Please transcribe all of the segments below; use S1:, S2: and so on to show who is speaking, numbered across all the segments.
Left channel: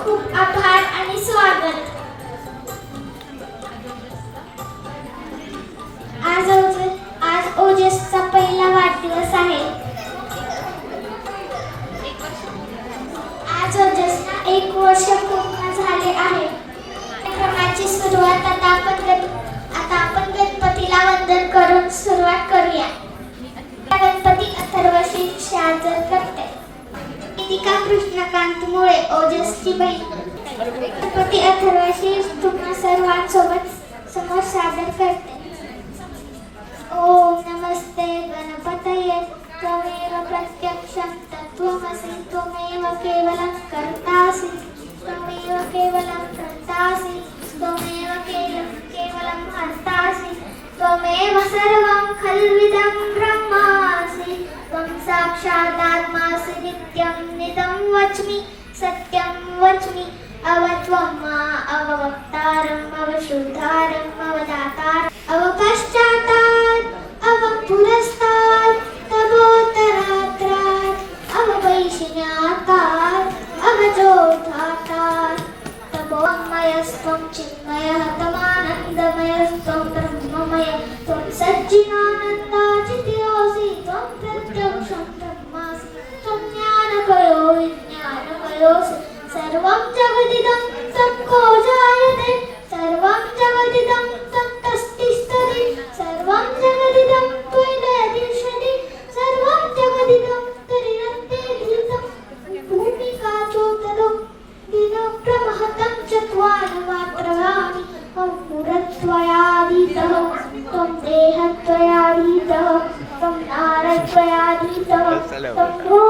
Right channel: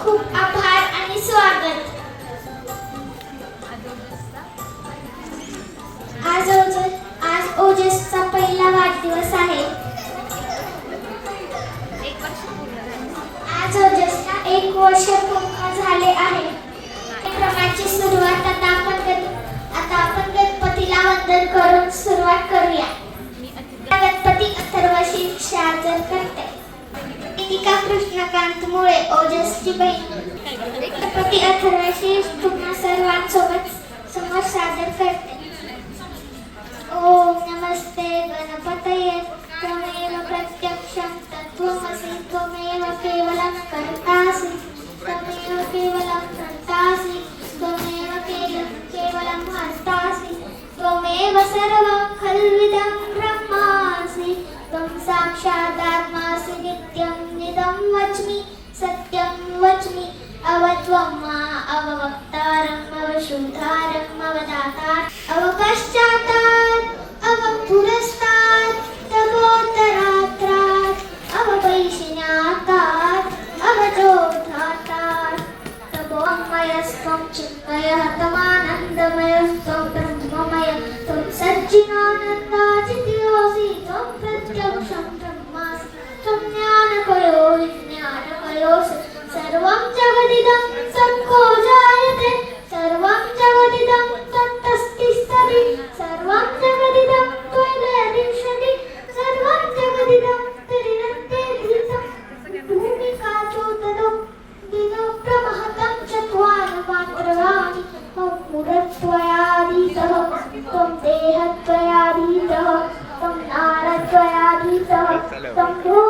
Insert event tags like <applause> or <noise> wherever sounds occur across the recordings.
S1: खूप आभार आणि स्वागत. दीपिका कृष्णकांत मुळे ओजस्वी बहीण छत्रपती अथर्वशी तुम्हा सर्वांसोबत समोर सादर करते ओम नमस्ते गणपतये त्वमेव प्रत्यक्षं तत्त्वमसि त्वमेव केवलं कर्तासि त्वमेव केवलं कर्तासि त्वमेव केवलं भर्तासि त्वमेव सर्वं खल्विदं ब्रह्मासि त्वं साक्षादात्मा वच्मि सत्यं वच्मि अवत्वम्मा अववक्तारम् अवशुद्धारम् अवदातात् अवपश्चातात् अवपुरस्तात् तमोत्तरात्रात् अवपैशिनातात् अवजोधातात् तमोमयस्त्वं चिन्मयः Hello.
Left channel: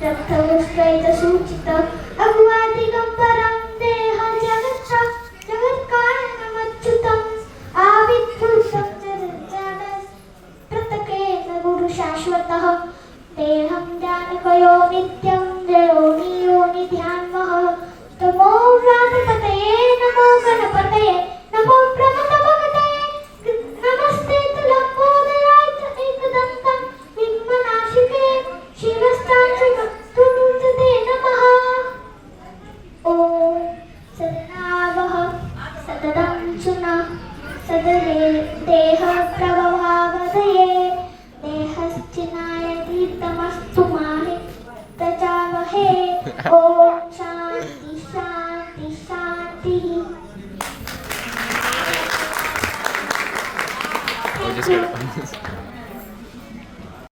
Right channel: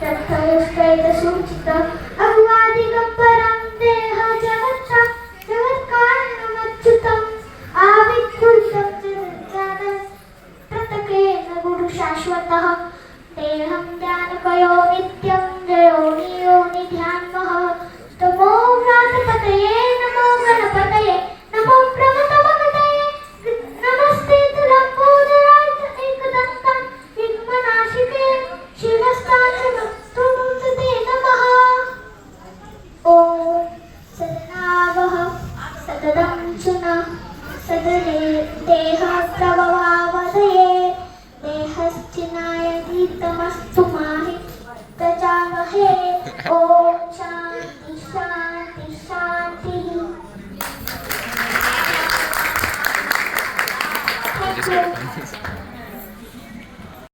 S1: потому что это звучит так अर्जुन सदरे देहप्रभवावदये देहश्चिनाय तमस्तु माहि प्रजामहे <laughs> ॐ शान्ति शान्ति शान्तिः। Thank you.